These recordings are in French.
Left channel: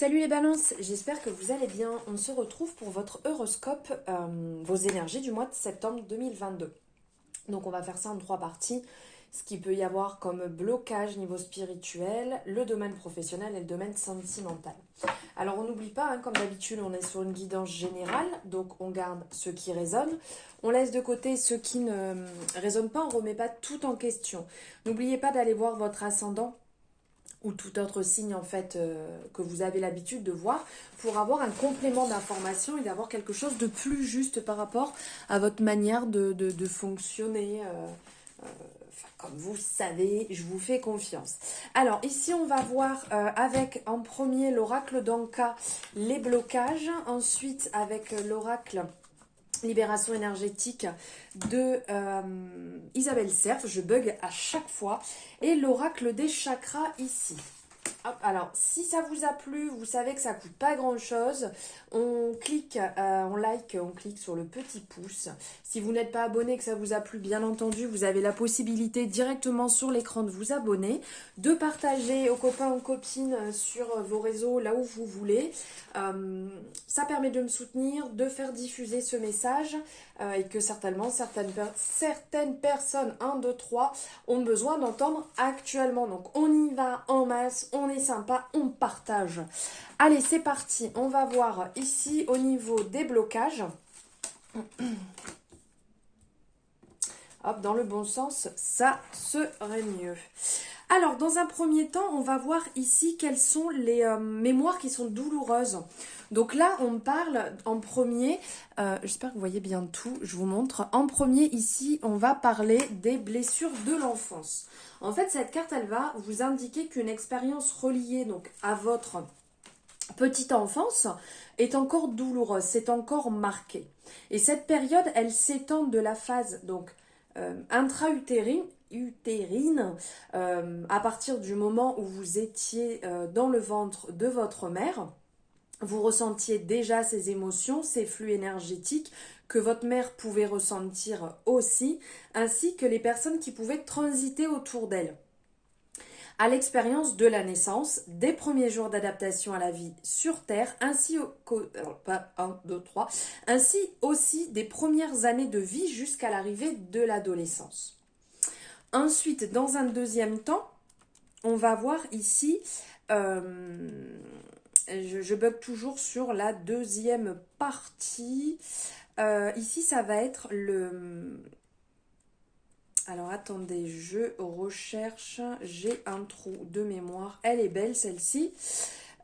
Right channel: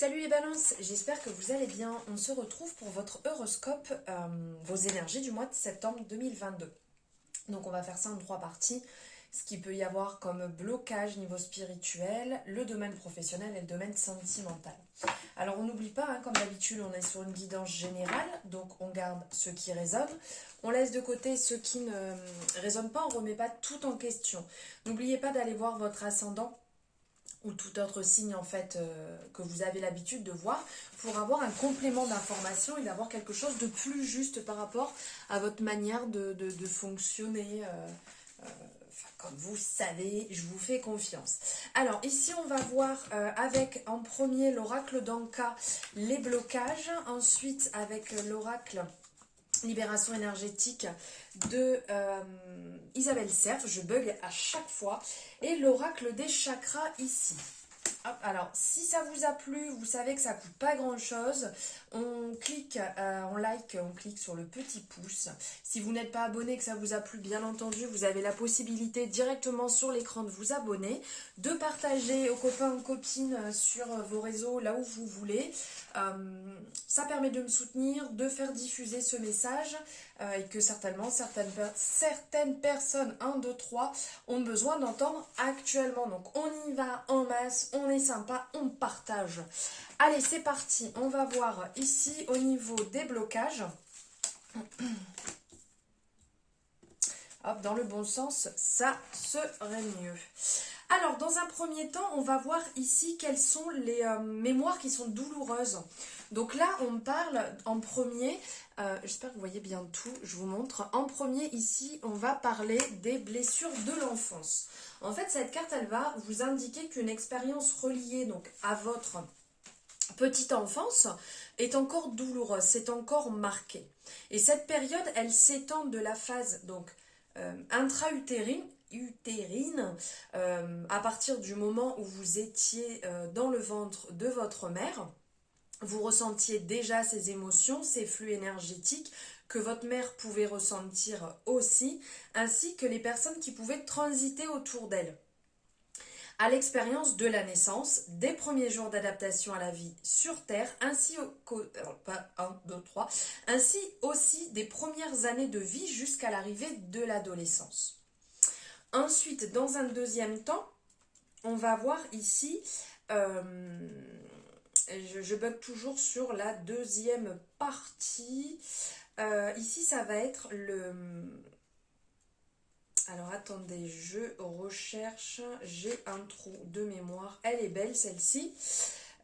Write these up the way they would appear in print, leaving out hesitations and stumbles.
Salut les balances, j'espère que vous allez bien. On se retrouve pour votre horoscope, vos énergies du mois de septembre 2022. Donc on va faire ça en 3 parties. Ce qui peut y avoir comme blocage niveau spirituel, le domaine professionnel et le domaine sentimental. Alors on n'oublie pas, comme d'habitude, on est sur une guidance générale, donc on garde ce qui résonne. On laisse de côté ce qui ne résonne pas, on ne remet pas tout en question. N'oubliez pas d'aller voir votre ascendant ou tout autre signe en fait que vous avez l'habitude de voir pour avoir un complément d'information et d'avoir quelque chose de plus juste par rapport à votre manière de fonctionner. Comme vous savez, je vous fais confiance. Alors ici on va voir avec en premier l'oracle d'Anka les blocages, ensuite avec l'oracle Libération énergétique de Isabelle Cerf, je bug à chaque fois, et l'oracle des chakras ici. Hop, alors, si ça vous a plu, vous savez que ça coûte pas grand chose. On clique, on like, on clique sur le petit pouce. Si vous n'êtes pas abonné, que ça vous a plu, bien entendu, vous avez la possibilité directement sur l'écran de vous abonner, de partager aux copains, aux copines sur vos réseaux, là où vous voulez. Ça permet de me soutenir, de faire diffuser ce message et que certainement certaines personnes, 1, 2, 3, ont besoin d'entendre actuellement. Donc on y va en masse, on est sympa, on partage. Allez, c'est parti. On va voir ici au niveau des blocages. Hop, dans le bon sens, ça serait mieux. Alors, dans un premier temps, on va voir ici quelles sont les mémoires qui sont douloureuses. Donc là, on parle en premier, j'espère que vous voyez bien tout, je vous montre. En premier, ici, on va parler des blessures de l'enfance. En fait, cette carte, elle va vous indiquer qu'une expérience reliée donc, à votre petite enfance est encore douloureuse, c'est encore marqué. Et cette période, elle s'étend de la phase donc intra-utérine, à partir du moment où vous étiez dans le ventre de votre mère, vous ressentiez déjà ces émotions, ces flux énergétiques que votre mère pouvait ressentir aussi, ainsi que les personnes qui pouvaient transiter autour d'elle. À l'expérience de la naissance, des premiers jours d'adaptation à la vie sur Terre, ainsi aussi des premières années de vie jusqu'à l'arrivée de l'adolescence. Ensuite, dans un deuxième temps, on va voir ici, je bug toujours sur la deuxième partie. Ici, ça va être le... Alors, attendez, je recherche, j'ai un trou de mémoire. Elle est belle, celle-ci.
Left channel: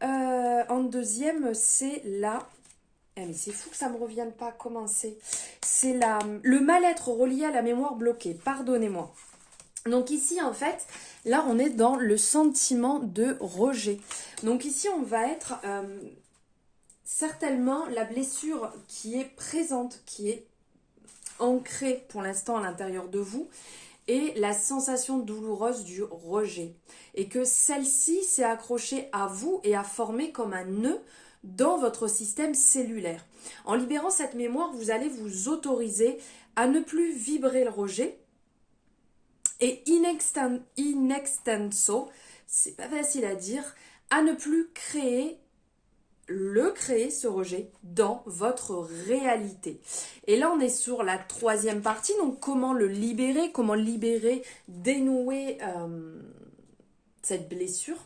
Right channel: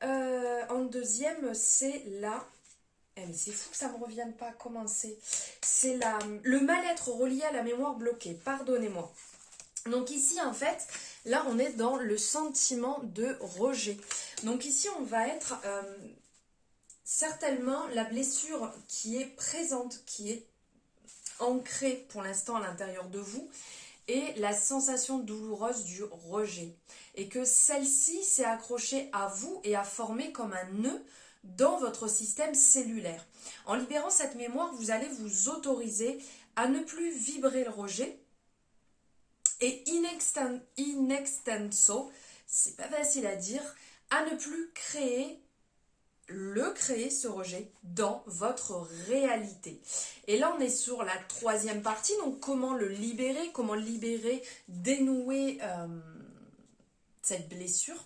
En deuxième, c'est la... mais c'est fou que ça ne me revienne pas, comment c'est? C'est le mal-être relié à la mémoire bloquée, pardonnez-moi. Donc ici, en fait, là, on est dans le sentiment de rejet. Donc ici, on va être certainement la blessure qui est présente, qui est ancrée pour l'instant à l'intérieur de vous, et la sensation douloureuse du rejet. Et que celle-ci s'est accrochée à vous et a formé comme un nœud dans votre système cellulaire. En libérant cette mémoire, vous allez vous autoriser à ne plus vibrer le rejet, et in extenso, c'est pas facile à dire, à ne plus créer ce rejet dans votre réalité. Et là, on est sur la troisième partie, donc comment le libérer, dénouer cette blessure,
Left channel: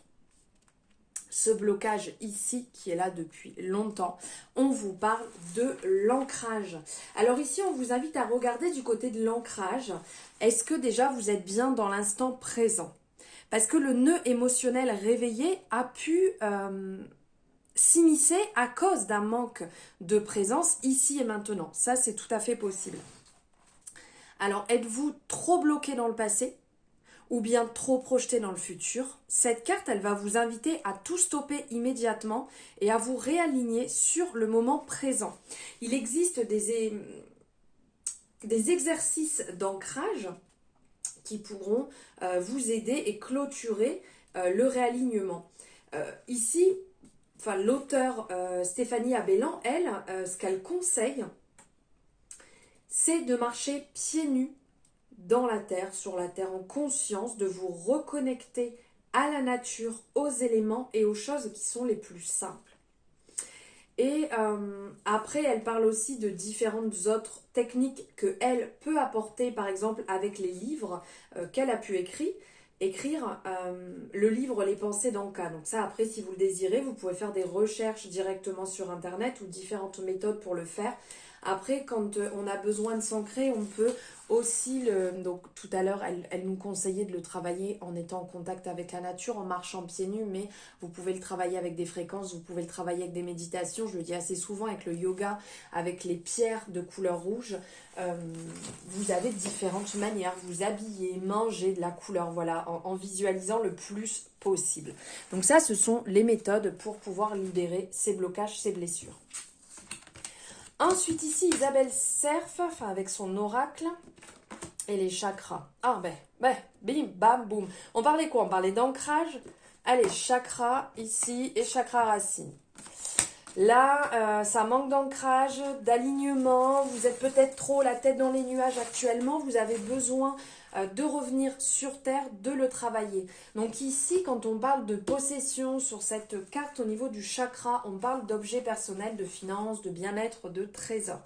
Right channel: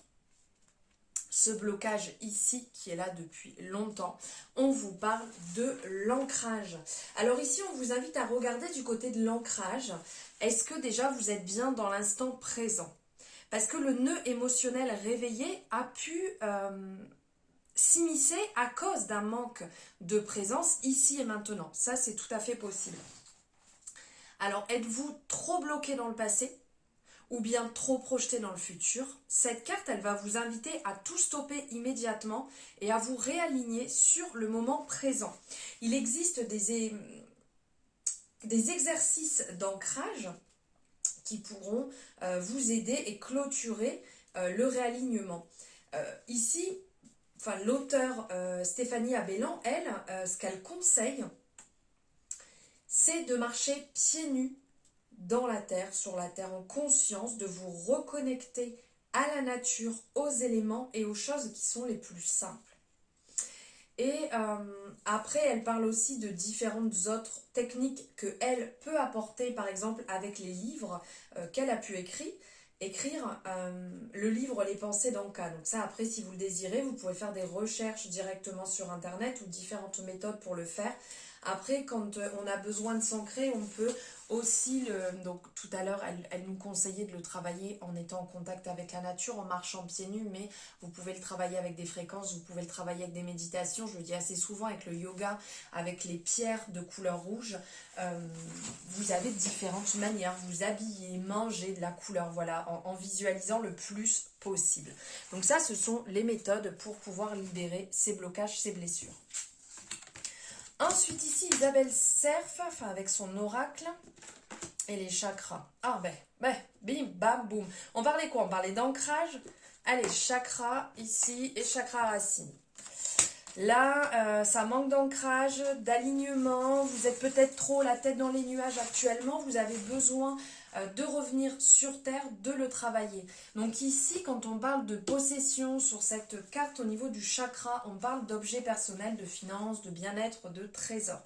ce blocage ici qui est là depuis longtemps. On vous parle de l'ancrage. Alors ici, on vous invite à regarder du côté de l'ancrage. Est-ce que déjà vous êtes bien dans l'instant présent? Parce que le nœud émotionnel réveillé a pu s'immiscer à cause d'un manque de présence ici et maintenant. Ça, c'est tout à fait possible. Alors, êtes-vous trop bloqué dans le passé ou bien trop projeté dans le futur? Cette carte, elle va vous inviter à tout stopper immédiatement et à vous réaligner sur le moment présent. Il existe des exercices d'ancrage qui pourront vous aider et clôturer le réalignement. Ici, l'auteure Stéphanie Abellan, elle, ce qu'elle conseille, c'est de marcher pieds nus dans la terre, sur la terre, en conscience, de vous reconnecter à la nature, aux éléments et aux choses qui sont les plus simples. Et après, elle parle aussi de différentes autres techniques qu'elle peut apporter, par exemple avec les livres qu'elle a pu écrire le livre Les pensées d'Anka. Donc ça, après, si vous le désirez, vous pouvez faire des recherches directement sur Internet ou différentes méthodes pour le faire. Après, quand on a besoin de s'ancrer, on peut aussi, donc tout à l'heure, elle nous conseillait de le travailler en étant en contact avec la nature, en marchant pieds nus, mais vous pouvez le travailler avec des fréquences, vous pouvez le travailler avec des méditations, je le dis assez souvent, avec le yoga, avec les pierres de couleur rouge. Vous avez différentes manières, vous habillez, mangez de la couleur, voilà, en visualisant le plus possible. Donc ça, ce sont les méthodes pour pouvoir libérer ces blocages, ces blessures. Ensuite ici, Isabelle Cerf, avec son oracle et les chakras. Ah bim, bam, boum. On parlait quoi? On parlait d'ancrage. Allez, chakra ici et chakra racine. Là, ça manque d'ancrage, d'alignement. Vous êtes peut-être trop la tête dans les nuages actuellement. Vous avez besoin de revenir sur Terre, de le travailler. Donc ici, quand on parle de possession sur cette carte au niveau du chakra, on parle d'objets personnels, de finances, de bien-être, de trésors.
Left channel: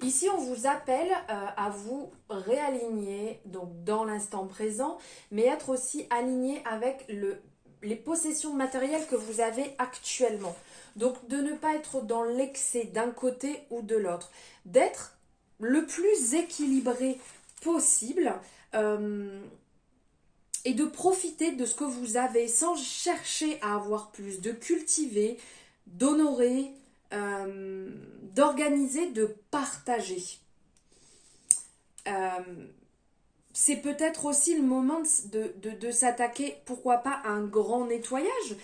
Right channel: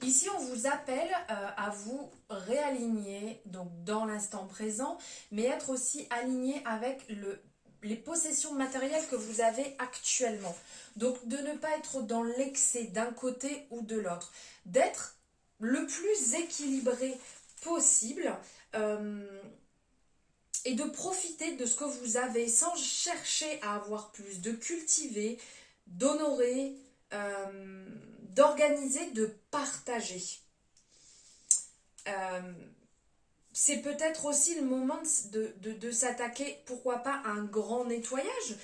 Ici, on vous appelle à vous réaligner donc dans l'instant présent, mais être aussi aligné avec les possessions matérielles que vous avez actuellement. Donc, de ne pas être dans l'excès d'un côté ou de l'autre. D'être le plus équilibré possible et de profiter de ce que vous avez sans chercher à avoir plus, de cultiver, d'honorer, d'organiser, de partager. C'est peut-être aussi le moment de s'attaquer, pourquoi pas, à un grand nettoyage,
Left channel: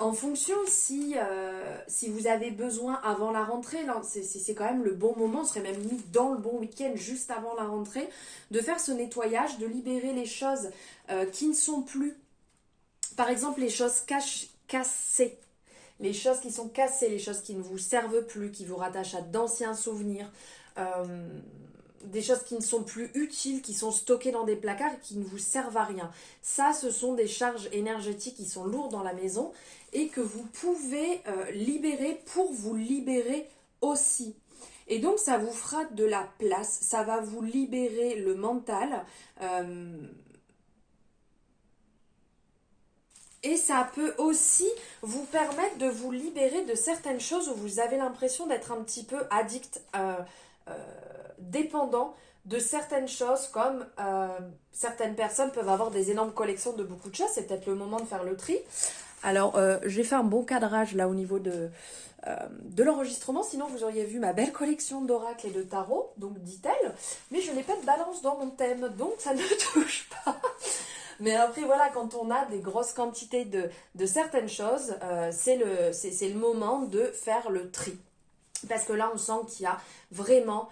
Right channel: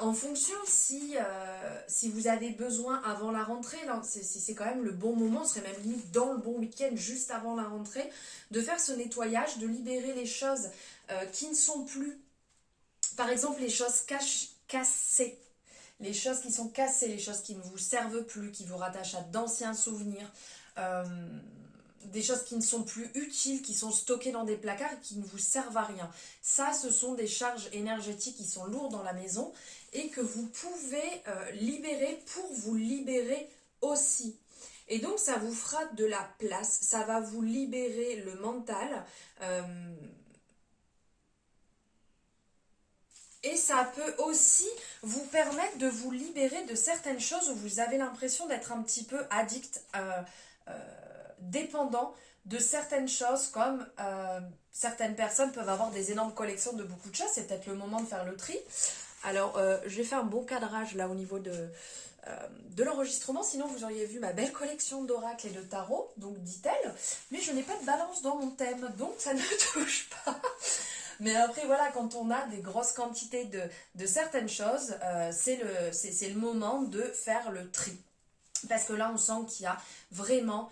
en fonction si vous avez besoin avant la rentrée, c'est quand même le bon moment, ce serait même limite dans le bon week-end, juste avant la rentrée, de faire ce nettoyage, de libérer les choses qui ne sont plus, par exemple les choses cassées, les choses qui sont cassées, les choses qui ne vous servent plus, qui vous rattachent à d'anciens souvenirs, des choses qui ne sont plus utiles, qui sont stockées dans des placards et qui ne vous servent à rien. Ça, ce sont des charges énergétiques qui sont lourdes dans la maison et que vous pouvez libérer pour vous libérer aussi. Et donc, ça vous fera de la place, ça va vous libérer le mental. Et ça peut aussi vous permettre de vous libérer de certaines choses où vous avez l'impression d'être un petit peu addict, dépendant de certaines choses, comme certaines personnes peuvent avoir des énormes collections de beaucoup de choses. C'est peut-être le moment de faire le tri. Alors, j'ai fait un bon cadrage là au niveau de l'enregistrement, sinon vous auriez vu ma belle collection d'oracles et de tarot, donc dit-elle, mais je n'ai pas de balance dans mon thème, donc ça ne touche pas. Mais après, voilà, quand on a des grosses quantités de certaines choses, c'est le moment de faire le tri. Parce que là, on sent qu'il y a vraiment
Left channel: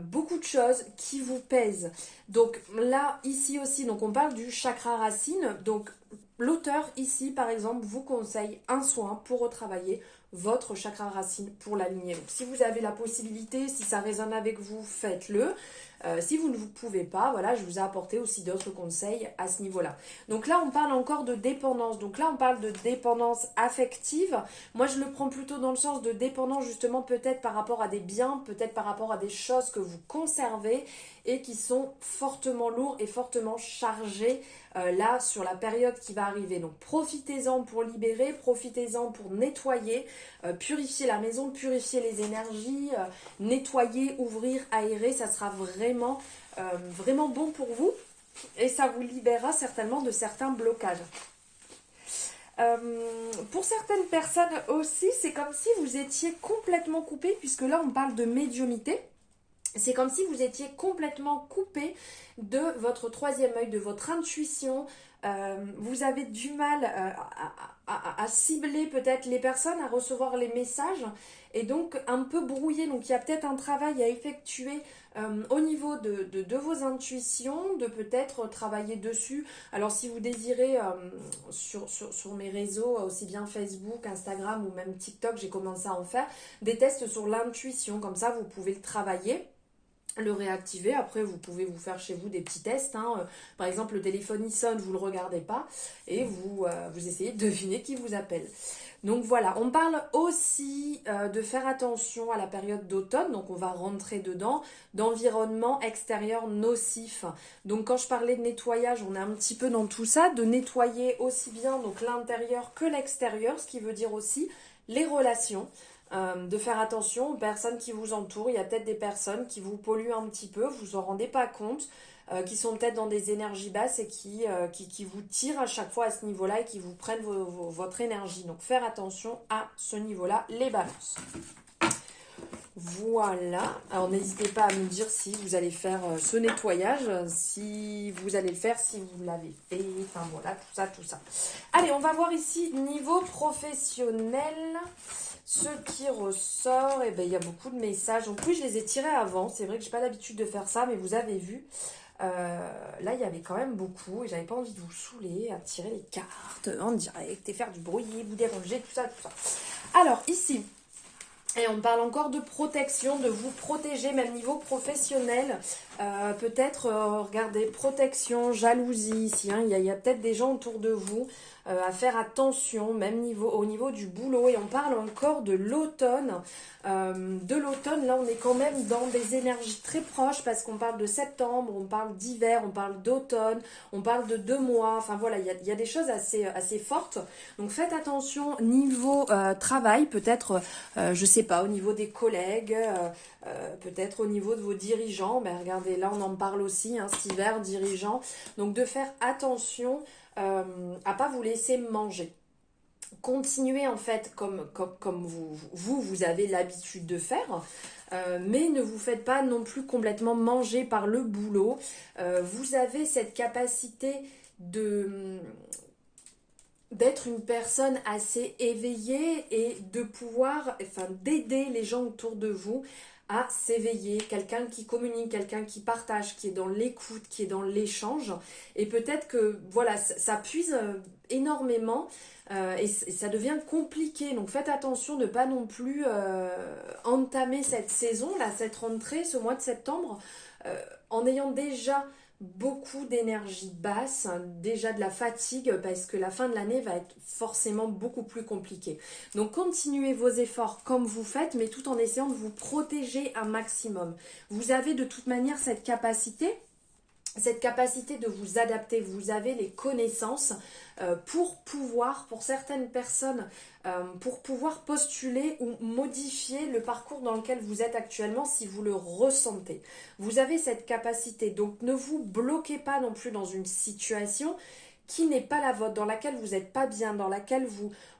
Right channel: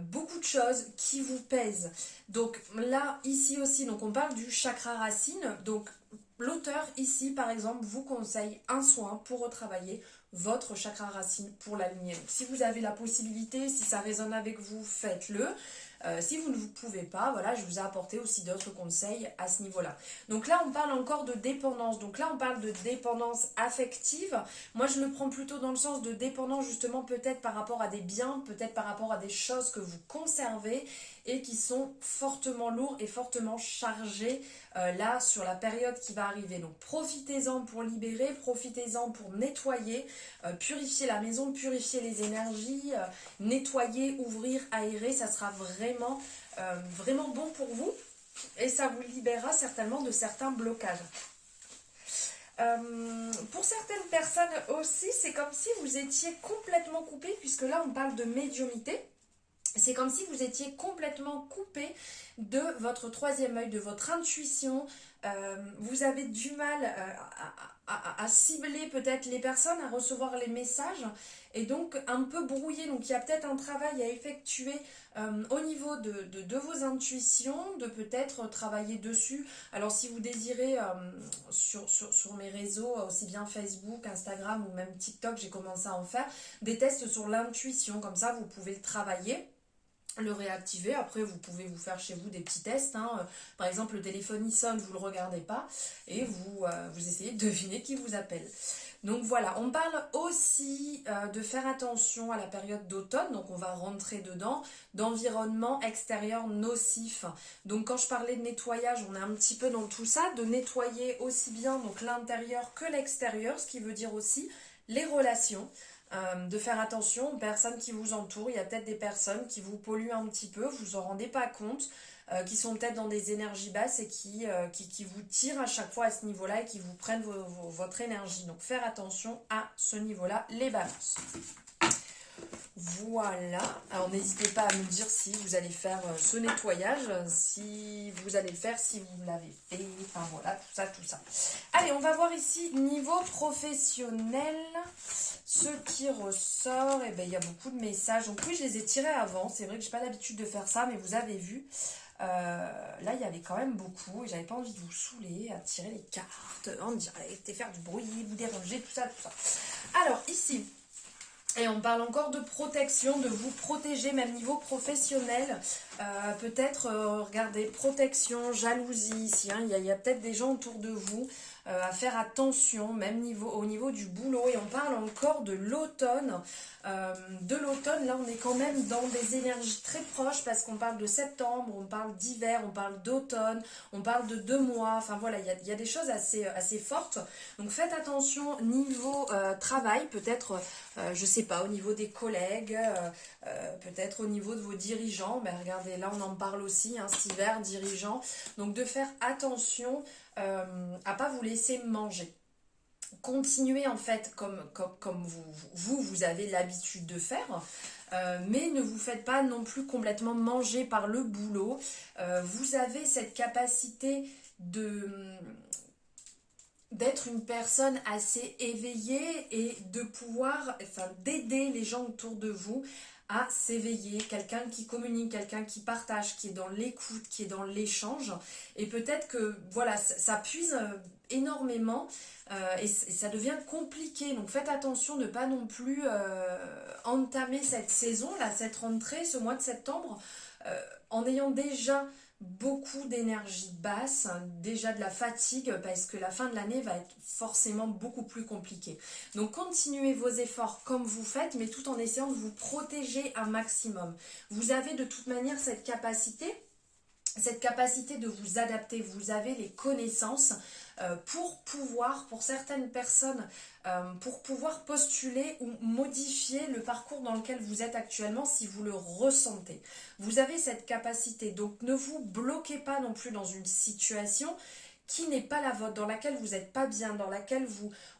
beaucoup de choses qui vous pèsent. Donc là, ici aussi, donc on parle du chakra racine. Donc l'auteur ici, par exemple, vous conseille un soin pour retravailler votre chakra racine pour l'aligner. Donc si vous avez la possibilité, si ça résonne avec vous, faites-le. Si vous ne vous pouvez pas, voilà, je vous ai apporté aussi d'autres conseils à ce niveau-là. Donc là, on parle encore de dépendance. Donc là, on parle de dépendance affective. Moi, je le prends plutôt dans le sens de dépendance, justement, peut-être par rapport à des biens, peut-être par rapport à des choses que vous conservez et qui sont fortement lourds et fortement chargés là sur la période qui va arriver. Donc profitez-en pour libérer, profitez-en pour nettoyer, purifier la maison, purifier les énergies, nettoyer, ouvrir, aérer, ça sera vraiment, vraiment bon pour vous et ça vous libérera certainement de certains blocages. Pour certaines personnes aussi, c'est comme si vous étiez complètement coupé, puisque là on parle de médiumnité. C'est comme si vous étiez complètement coupé de votre troisième œil, de votre intuition. Vous avez du mal à cibler peut-être les personnes, à recevoir les messages et donc un peu brouillé. Donc il y a peut-être un travail à effectuer au niveau de vos intuitions, de peut-être travailler dessus. Alors si vous désirez sur mes réseaux, aussi bien Facebook, Instagram ou même TikTok, j'ai commencé à en faire des tests sur l'intuition. Comme ça, vous pouvez le travailler. le réactiver. Après, vous pouvez vous faire chez vous des petits tests, hein. Par exemple, le téléphone il sonne, vous ne le regardez pas et vous essayez de deviner qui vous appelle. Donc voilà, on parle aussi de faire attention à la période d'automne, donc on va rentrer dedans, d'environnement extérieur nocif. Donc quand je parlais de nettoyage, on est un petit peu dans tout ça, de nettoyer aussi bien donc l'intérieur que l'extérieur, ce qui veut dire aussi les relations. De faire attention aux personnes qui vous entourent. Il y a peut-être des personnes qui vous polluent un petit peu, vous en rendez pas compte, qui sont peut-être dans des énergies basses et qui vous tirent à chaque fois à ce niveau-là et qui vous prennent votre énergie. Donc faire attention à ce niveau-là, les balances. Voilà, alors n'hésitez pas à me dire si vous allez faire ce nettoyage, si vous allez le faire, si vous l'avez fait, enfin voilà, tout ça. Allez, on va voir ici, niveau professionnel, ce qui ressort, et ben il y a beaucoup de messages. En plus, je les ai tirés avant, c'est vrai que j'ai pas l'habitude de faire ça, mais vous avez vu, là il y avait quand même beaucoup, et j'avais pas envie de vous saouler à tirer les cartes en direct et faire du bruit, vous déranger, tout ça. Alors ici, et on parle encore de protection, de vous protéger, même niveau professionnel. Peut-être, regardez, protection, jalousie ici. Hein, il y a peut-être des gens autour de vous à faire attention, même au niveau du boulot. Et on parle encore de l'automne. Là, on est quand même dans des énergies très proches parce qu'on parle de septembre, on parle d'hiver, on parle d'automne, on parle de 2 mois. Enfin voilà, il y a des choses assez fortes. Donc faites attention niveau travail, peut-être, je sais pas, au niveau des collègues, peut-être au niveau de vos dirigeants. Ben, regardez, là on en parle aussi, hein, cet hiver, dirigeants. Donc de faire attention à pas vous laisser manger. Continuez en fait comme vous avez l'habitude de faire, mais ne vous faites pas non plus complètement manger par le boulot. Vous avez cette capacité d'être une personne assez éveillée et de pouvoir, enfin, d'aider les gens autour de vous à s'éveiller, quelqu'un qui communique, quelqu'un qui partage, qui est dans l'écoute, qui est dans l'échange. Et peut-être que voilà, ça puise énormément et ça devient compliqué. Donc faites attention de ne pas non plus entamer cette saison, là, cette rentrée, ce mois de septembre, en ayant déjà beaucoup d'énergie basse, hein, déjà de la fatigue, parce que la fin de l'année va être forcément beaucoup plus compliquée. Donc continuez vos efforts comme vous faites, mais tout en essayant de vous protéger un maximum. Vous avez de toute manière cette capacité de vous adapter. Vous avez les connaissances pour certaines personnes, pour pouvoir postuler ou modifier le parcours dans lequel vous êtes actuellement si vous le ressentez. Vous avez cette capacité, donc ne vous bloquez pas non plus dans une situation qui n'est pas la vôtre, dans laquelle vous n'êtes pas bien, dans laquelle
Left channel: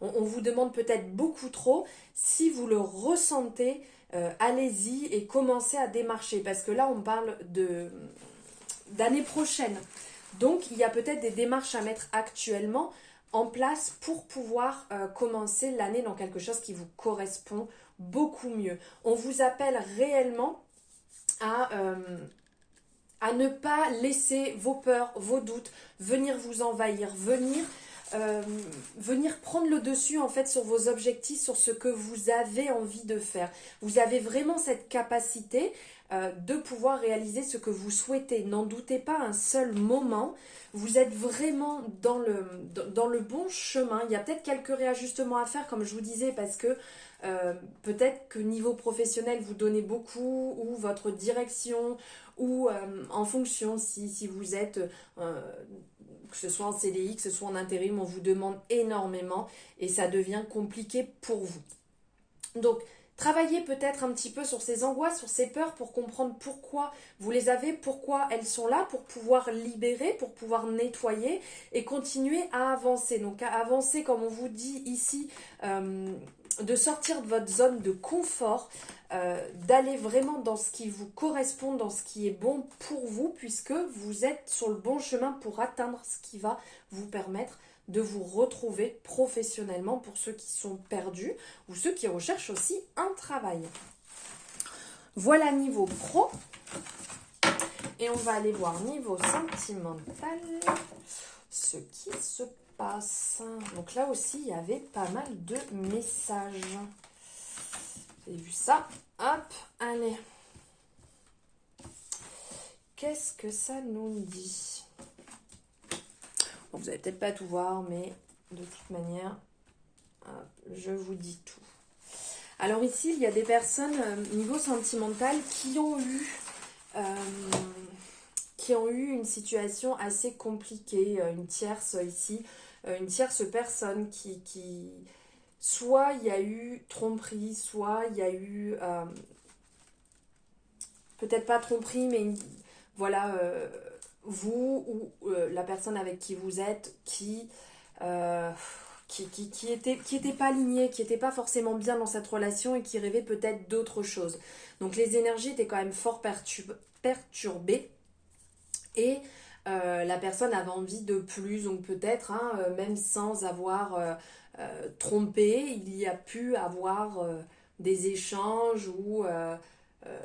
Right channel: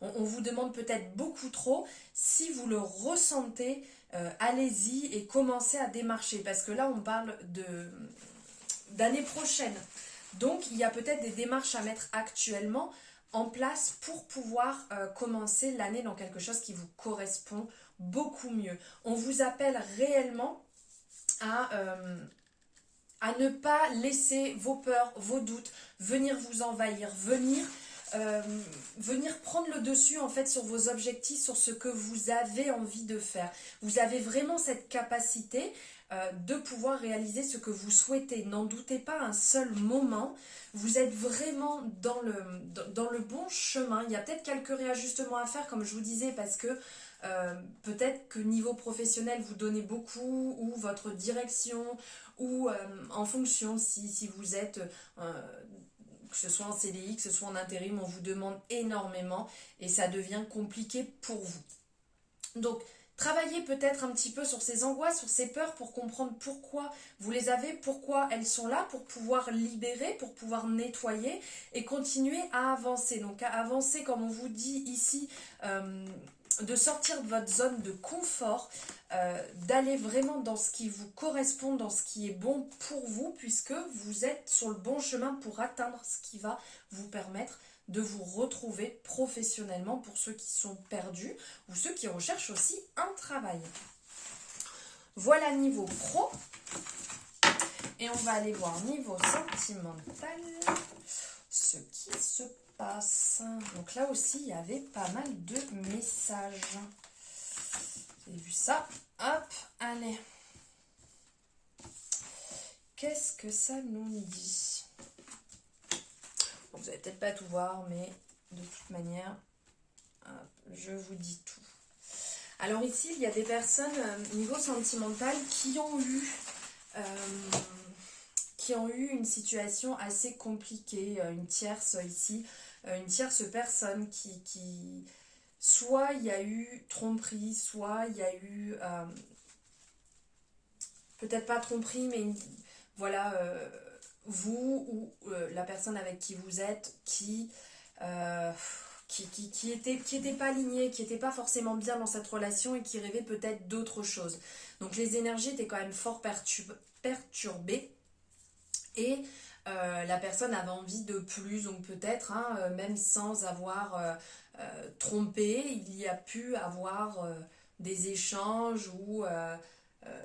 on vous demande peut-être beaucoup trop. Si vous le ressentez, allez-y et commencez à démarcher, parce que là on parle d'année prochaine. Donc, il y a peut-être des démarches à mettre actuellement en place pour pouvoir commencer l'année dans quelque chose qui vous correspond beaucoup mieux. On vous appelle réellement à ne pas laisser vos peurs, vos doutes venir vous envahir, venir prendre le dessus en fait sur vos objectifs, sur ce que vous avez envie de faire. Vous avez vraiment cette capacité de pouvoir réaliser ce que vous souhaitez. N'en doutez pas un seul moment. Vous êtes vraiment dans le bon chemin. Il y a peut-être quelques réajustements à faire, comme je vous disais, parce que peut-être que niveau professionnel, vous donnez beaucoup, ou votre direction, ou en fonction, si vous êtes, que ce soit en CDI, que ce soit en intérim, on vous demande énormément et ça devient compliqué pour vous. Donc, travaillez peut-être un petit peu sur ces angoisses, sur ces peurs pour comprendre pourquoi vous les avez, pourquoi elles sont là, pour pouvoir libérer, pour pouvoir nettoyer et continuer à avancer. Donc, à avancer, comme on vous dit ici, de sortir de votre zone de confort, d'aller vraiment dans ce qui vous correspond, dans ce qui est bon pour vous, puisque vous êtes sur le bon chemin pour atteindre ce qui va vous permettre de vous retrouver professionnellement pour ceux qui sont perdus ou ceux qui recherchent aussi un travail. Voilà niveau pro. Et on va aller voir niveau sentimental ce qui se passe. Donc là aussi, il y avait pas mal de messages. Vous avez vu ça? Hop, allez. qu'est-ce que ça nous dit? Bon, vous n'allez peut-être pas tout voir, mais de toute manière, hop, je vous dis tout. Alors ici, il y a des personnes, niveau sentimental, qui ont eu une situation assez compliquée, une tierce ici, une tierce personne qui soit il y a eu tromperie, soit il y a eu, peut-être pas tromperie, mais voilà, vous ou la personne avec qui vous êtes qui était pas aligné, qui n'était pas forcément bien dans cette relation et qui rêvait peut-être d'autre chose. Donc les énergies étaient quand même fort perturbées et la personne avait envie de plus, donc peut-être, même sans avoir trompé, il y a pu avoir des échanges ou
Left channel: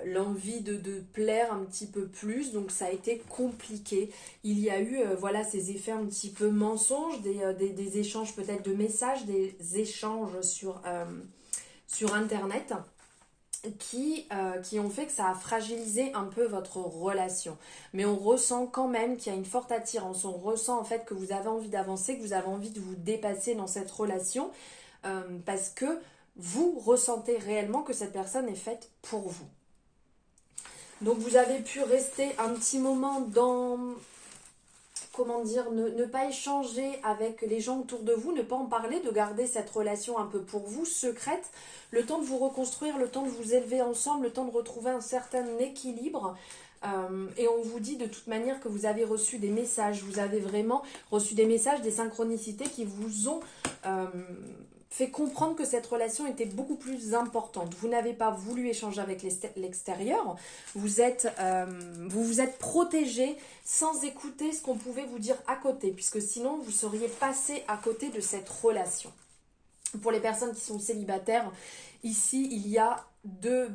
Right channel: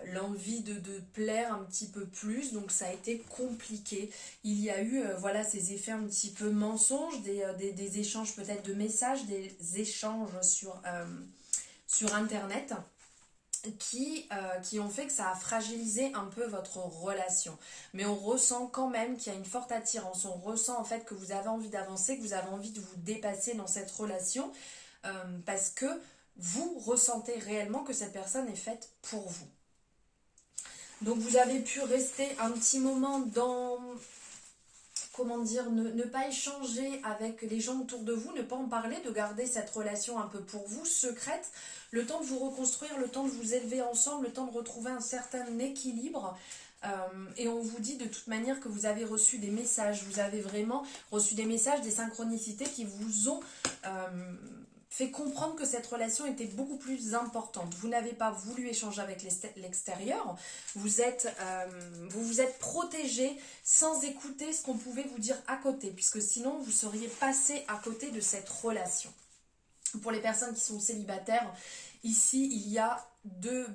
l'envie de plaire un petit peu plus, donc ça a été compliqué. Il y a eu voilà, ces effets un petit peu mensonges, des échanges peut-être de messages, des échanges sur internet qui ont fait que ça a fragilisé un peu votre relation. Mais on ressent quand même qu'il y a une forte attirance, on ressent en fait que vous avez envie d'avancer, que vous avez envie de vous dépasser dans cette relation, parce que vous ressentez réellement que cette personne est faite pour vous. Donc vous avez pu rester un petit moment dans, comment dire, ne pas échanger avec les gens autour de vous, ne pas en parler, de garder cette relation un peu pour vous, secrète, le temps de vous reconstruire, le temps de vous élever ensemble, le temps de retrouver un certain équilibre. Et on vous dit de toute manière que vous avez reçu des messages, vous avez vraiment reçu des messages, des synchronicités qui vous ont fait comprendre que cette relation était beaucoup plus importante. Vous n'avez pas voulu échanger avec l'extérieur, vous vous êtes protégé sans écouter ce qu'on pouvait vous dire à côté, puisque sinon vous seriez passé à côté de cette relation. Pour les personnes qui sont célibataires, ici il y a de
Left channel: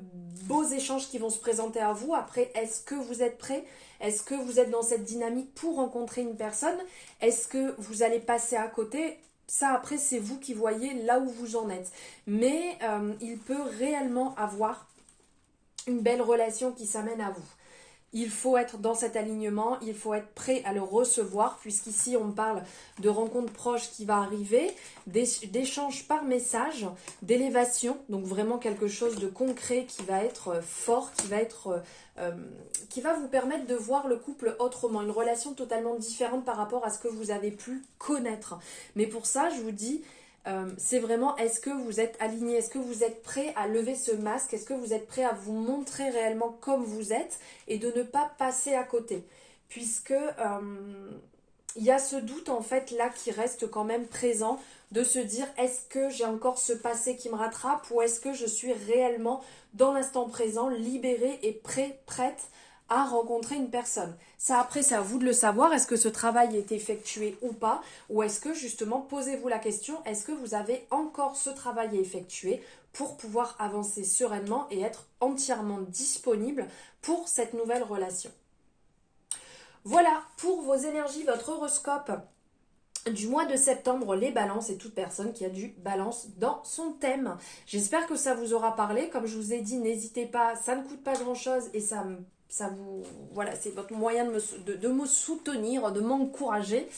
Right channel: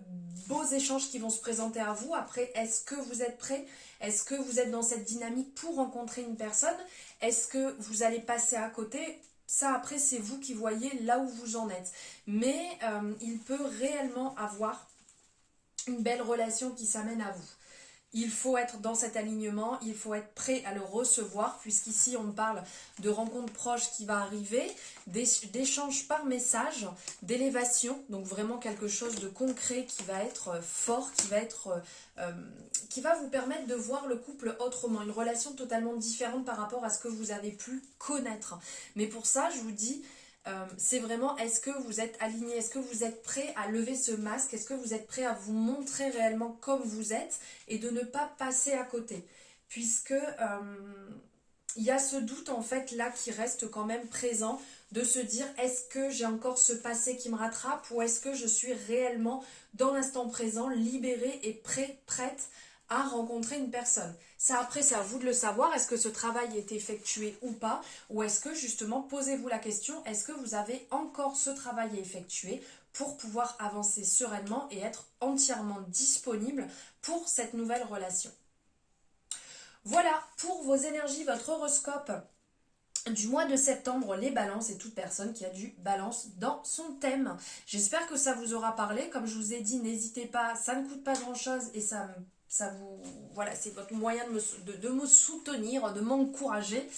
beaux échanges qui vont se présenter à vous. Après, est-ce que vous êtes prêts? Est-ce que vous êtes dans cette dynamique pour rencontrer une personne? Est-ce que vous allez passer à côté? Ça, après, c'est vous qui voyez là où vous en êtes. Mais il peut réellement avoir une belle relation qui s'amène à vous. Il faut être dans cet alignement, il faut être prêt à le recevoir, puisqu'ici on parle de rencontres proches qui va arriver, d'échanges par message, d'élévation, donc vraiment quelque chose de concret qui va être fort, qui va vous permettre de voir le couple autrement, une relation totalement différente par rapport à ce que vous avez pu connaître. Mais pour ça, je vous dis, c'est vraiment, est-ce que vous êtes aligné, est-ce que vous êtes prêt à lever ce masque, est-ce que vous êtes prêt à vous montrer réellement comme vous êtes et de ne pas passer à côté, puisque il y a ce doute en fait là qui reste quand même présent, de se dire est-ce que j'ai encore ce passé qui me rattrape ou est-ce que je suis réellement dans l'instant présent, libérée et prête à rencontrer une personne. Ça, après, c'est à vous de le savoir. Est-ce que ce travail est effectué ou pas? Ou est-ce que, justement, posez-vous la question, est-ce que vous avez encore ce travail à effectuer pour pouvoir avancer sereinement et être entièrement disponible pour cette nouvelle relation? Voilà, pour vos énergies, votre horoscope du mois de septembre, les balances et toute personne qui a du balance dans son thème. J'espère que ça vous aura parlé. Comme je vous ai dit, n'hésitez pas, ça ne coûte pas grand-chose et ça vous, voilà, c'est votre moyen de me soutenir, de m'encourager,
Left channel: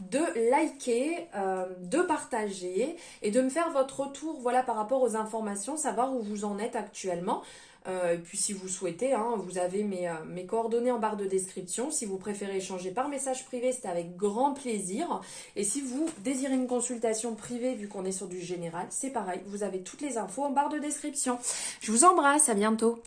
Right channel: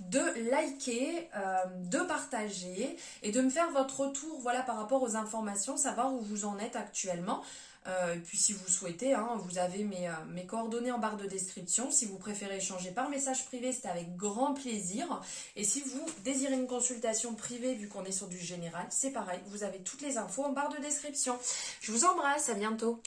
de liker, de partager et de me faire votre retour, voilà, par rapport aux informations, savoir où vous en êtes actuellement. Et puis si vous souhaitez, vous avez mes coordonnées en barre de description. Si vous préférez échanger par message privé, c'est avec grand plaisir. Et si vous désirez une consultation privée, vu qu'on est sur du général, c'est pareil, vous avez toutes les infos en barre de description. Je vous embrasse, à bientôt.